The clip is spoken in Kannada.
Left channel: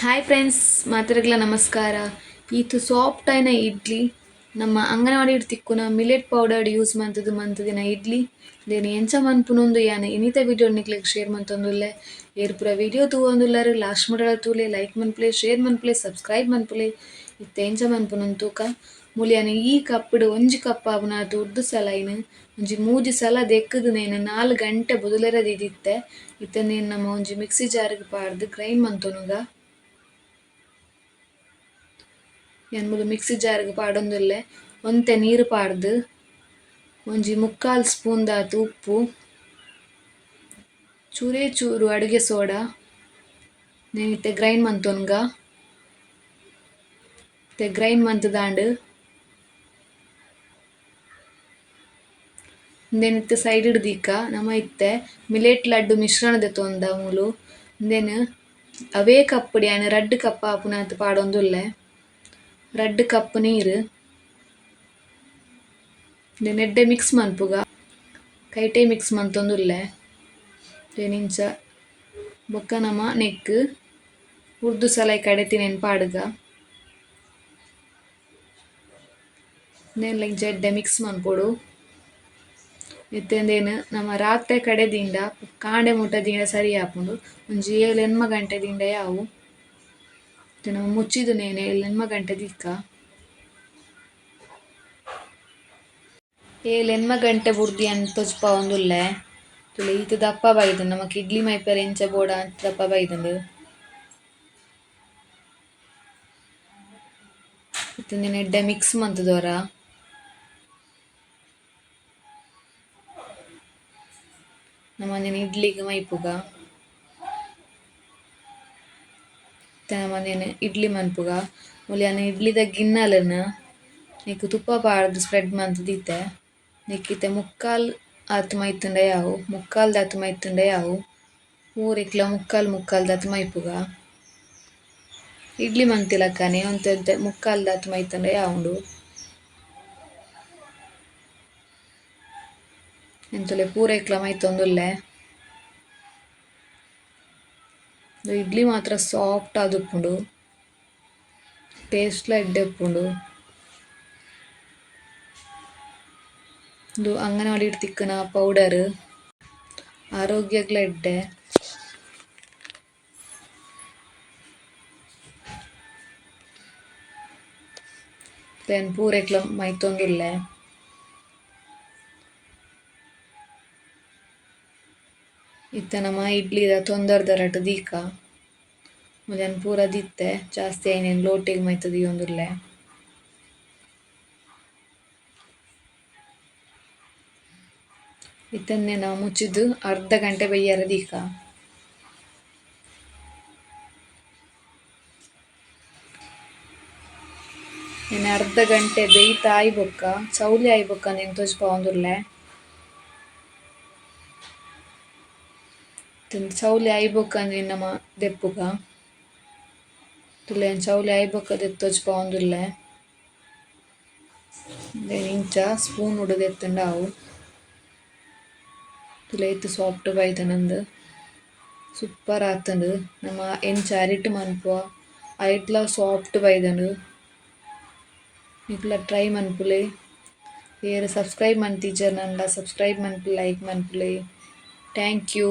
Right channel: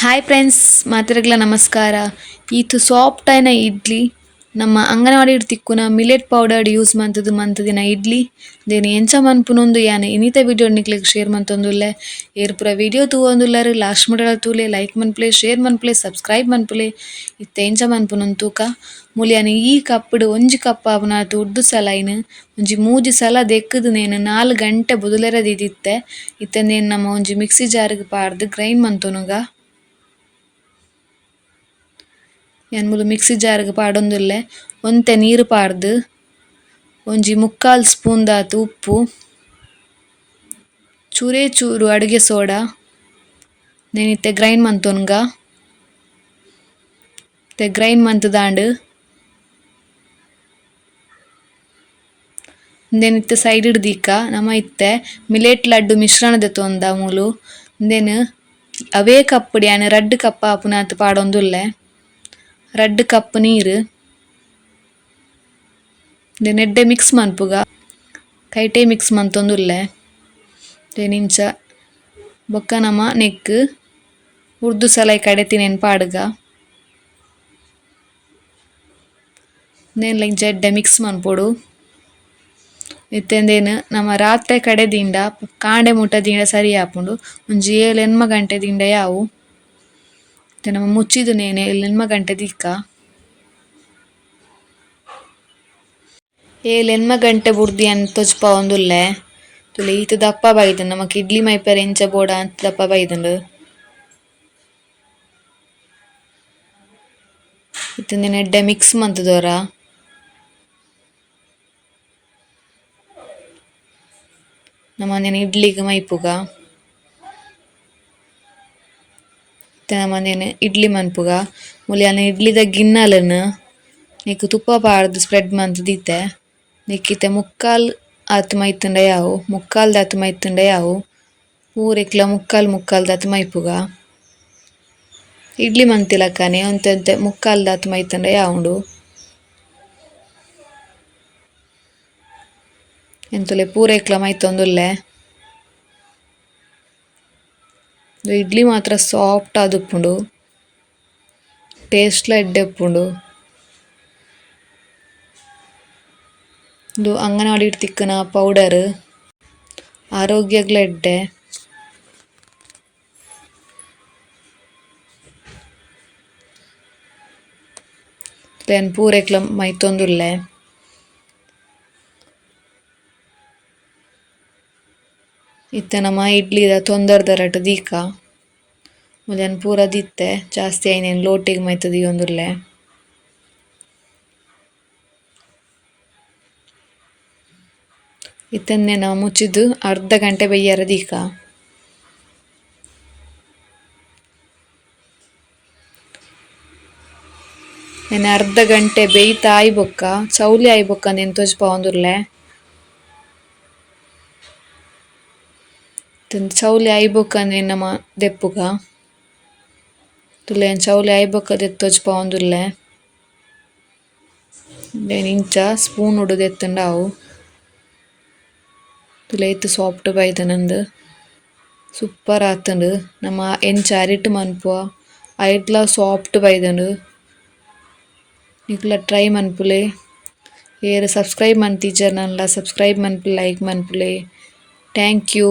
ಹಾಯ್ ಫ್ರೆಂಡ್ಸ್ ಮಾತಿರಗ್ಲ ನಮಸ್ಕಾರ. ಈತು ಸಾಫ್ಟ್ ಆಯ್ನ ಇಡ್ಲಿ, ನಮ್ಮ ಅಂಗನವಾಡಿ ತಿಕ್ಕುನ ಮಿಲೆಟ್ ಪೌಡರ್ ಯೂಸ್ ಮಂತುದು ಮಂತದಿನ ಇಡ್ಲಿ. ದೇನೆ ಎಂಚ ಮನ್ಪುನೊಂದು ಯಾನ ಇನಿತ ವಿಡಿಯೋ ನಿಕ್ಲೆಗ್ ಶೇರ್ ಮಂತೊಂದುಲ್ಲೆ. ಏರ್ ಪೂರ ವಿಡಿಯೋ ತೂವೊಂದುಲ್ಲರು ಲಾಸ್ಟ್ ಮಾಡಲ ತೂಲೆ ಲೈಕ್ ಮನ್ಪುಲೆ ಶೇರ್ ಮನ್ಪುಲೆ ಸಬ್ಸ್ಕ್ರೈಬ್ ಮನ್ಪುಲೆ, ಇತ್ತೆ ಎಂಚ ಮನ್ಪುನೊಂದು ತೂಕ. ಮೂಲ್ಯನ ಈ ಕಪ್ಪಡು ಒಂಜಿ ಕಪ್ ಉದ್ದು ಸಲ ಇನ್ನು ಒಂಜಿ ಮೂಜಿ ಸಲ ದೆಕ್ಕದು ನೇನು ನಾಲ್ಕು ಗಂಟೆ ಬುದುಲೆರ ದಿದಿತ್ತೆ ನೇನು ನಮ್ಮ ಒಂಜಿ ಮಿಕ್ಸಿ ಜಾರಿಗೆ ಪಾರ್ದ್ ಗ್ರೈಂಡ್ ಮಂತೊನುಗ ಯಾನ್ ಮೂಲು ಮಿಕ್ಸಿ ಜಾರ್ಗ್ ಪಾಡೊಂದುಲ್ಲೆ. ಒಂತೆ ನೀರು ಪಾರ್ದ್ ಒಂಜಿ ಮುಕ್ಕಾಲ್ ಸ್ಪೂನ್ ದಾತು ಉಪ್ಪು, ಚೂರೇ ಚೂರು ಅಡುಗೆ ಸೋಡಾ ನೆನ್ ಇತ್ತೆ ಗ್ರೈಂಡ್ ಮಂತೊನ್ಗ ತೆ ಗ್ರೈಂಡ್ ಮಂತುದಾಂಡ್ ಉಂದೆನ್ ಇತ್ತೆ ಸೈಡ್ ದೀಕ, ನಮ ಇತ್ತೆ ಮಿಲೇಟ್ ಲಡ್ಡು ಮಿಶ್ರಣ ತೊಂದ ಮೂಲು. ಉಂದೆನ್ ಅವೇ ಕಪ್ಪುಡು ಯಾನ್ ರಡ್ಡ್ ಕಪ್ಪ ಆಪುನಾತ್ ಪಾಡೊಂದುಲ್ಲೆ. ರಡ್ಡ್ ಕಪ್ ನೀರ್ ಉಂದೆನ್ ಎಡ್ಡೆ ಮಿಕ್ಸ್ ಮನ್ಪುಗ ಕೈಟೆ ಮಿಕ್ಸ್ ಮಂತೊಂದುಲ್ಲೆ ಉಂದೆನ್ ಇಂಚ ಬೊಕ್ಕ ನಮ ನೆಕ್ಕ್ ಉರ್ದು ಸಲಾಯ್ ಕಡೆತಿನೆನ್ ಪಾಡ್ಗ ಉಂದೆನ್ಲ ಇಂಚ ಎಡ್ಡೆ ಮಿಕ್ಸ್ ಮನ್ಪೊಡು ಇತ್ತೆಂದೇನ್ ನಮ ರಾತ್ರೆ ಕಡೆದಿಂಡ ಕಾಂಡೆ ಮುಟ ದಿಂಡ ಸರಿ ಆಪುಂಡು ಒಂಜಿ ಏಳು ಎನ್ಮ ಗಂಟೆ ದಿಂಡ ಯಾವು ಇತ್ತೆ ನಮ ಮುಚ್ಚಿದು ನೇನೆ ಇಲ್ಲಿ ನಿಮ್ಮ ಗಂಟೆ ದಿಕ್ಕ ಏ ಲೆನ್ಮ ಗಂಟೆ ಬುರ್ದು ಯಾನ್ ಒಂದುಲ್ಲೆ ತುಲೆ, ಈತ ದಪ್ಪ ಬೈದ್ಂಡ್ ನಮಕ್ ಇಡ್ಲಿ ಮೈಪರೆ ಎಂಚ ಬೋಡ ಅಂತ ದಪ್ಪ ಬೈದ್ಂಡ್ ಇತ್ತೆಂದೇನ್ ಎಡ್ಡೆ ಮಿಕ್ಸ್ ಮಂತದೋರ? ನೆನೆ ಇಡ್ಲಿಗ್ ಮೈಪುಗ? ಅಂದಿನ ಇಡ್ಲಿ ಮನ್ಪುಗ ಮೂಲೆ ಇಡ್ಲಿದ ಗಿನ್ನಲನ್ ನೆಕ್ಕ್ ತುಪ್ಪ ಪಾರ್ದ್ ಸ್ಪ್ರೆಡ್ ಮಂತ್ ದೀತೆ ನೆಕ್ಕ್ ಇತ್ತೆ ಮುಕ್ಕಾಲ್ ಆತು ಮೈತುಂಡ ಯಾವು ಮುಕ್ಕಾಲ್ ದಾತ್ ಮೈತುಂಡ ಯಾವು ಪೂರೆಕ್ಲ ಮುಕ್ಕಾಲ್ ಮುಕ್ಕಾಲ್ ದಾತ್ ಮೈಪುಗ ಇಡ್ಲಿ ಮಂತಿಲಕನೆ ಒಂತೆ ಒಂತೆ ಮುಕ್ಕಾಲ್ ದಾತ್ ಮೈತುಂಡ ಯಾವುಂಡು. ಎಂತೊಲೆ ಪೂರೆಕ್ಲ ಮೈತೊಂದುಲ್ಲೆ. ಇಡ್ಲಿ ಮಾತ್ರ ಸಾಫ್ಟ್ ಆದ್ ಉಪ್ಪುಂಡು ಟೇಸ್ಟ್ ಲ ಎಡ್ಡೆ ಉಪ್ಪುಂಡು ಉಂದು ಅಂಗನವಾಡಿಡ್ ತಿಕ್ಕುನ ಪೌಡರ್ ಆರೋಗ್ಯಗ್ಲ ಎಡ್ಡೆ ಯಾನ್ ಪೂರೆಕ್ಲ ಮೈತೊಂದುಲ್ಲೆ ಇತ್ತೆ ನಮ ಇಡ್ಲಿದ ತೊಂದರ್ದ ರಟ್ ದೀಕ. ಮುಲ್ಯನ್ ಯಾನ್ ಪೂರ ದಿತ್ತೆ, ಜಾಸ್ತಿ ಆಯಿನೆನ್ ಲೋಟಿಗ್ ಮೈತದಿ ಒಂದುರ್ಲೆ. ಇತ್ತನ್ನೇ ನಾವು ಮುಚ್ಚಿದ್ದು ಅರ್ಧ ಗಂಟೆ ಬೆಯ್ಯಾರ ದೀಕ. ನೆನೆ ಅರ್ಧ ಗಂಟೆ ಬೇಯ್ತಾ ಆಯ್ಬೊಕ್ಕ, ಚೌಲಿ ಆಯ್ಬೊಕ್ಕ ನೆನ್ ತೋಜ್ಪ ತೋಜ್ಪಾವೊಂದುಲ್ಲೆ ಚೌಲಿ ಆಯಿಬೊಕ್ಕಂದೆನ್ ನಮ ದೆಪ್ಪುಗ ತುಲೆ ಚೌಲಿ ಆಯಿಬೊಕ್ಕ ದೆತ್ತ್ ತೋಜ್ಪಾವೊಂದುಲ್ಲೆ ಉಂದೆನ್ ಇಂಚ ಸ್ಪೂನುಡು ದೆತ್ತುಂಡ ಅವು ತುಲೆ ಇತ್ತೆ ಸಾಫ್ಟ್ ಬೈದಿನಂದ್ ಸೂಪರ್ ಆತುಂಡ್ ನಮ ಎಂಚ ಅರಿಟ್ ಮನ್ಪುವ ಐಟ್ಲ ಸಾಫ್ಟ್ ಬೈದ್ಂಡ್ ನಿಕ್ಲ ಟ್ರೈ ಮನ್ಪುಲೆ ಏರ್ ಸಬ್ಸ್ಕ್ರೈಬ್ ಮಂತಿಜ್ಜರ್ ನನ್ಲ ಸಬ್ಸ್ಕ್ರೈಬ್ ಮನ್ಪುಲೆ ಲೈಕ್ ಮನ್ಪುಲೆ ಥ್ಯಾಂಕ್ ಯೂ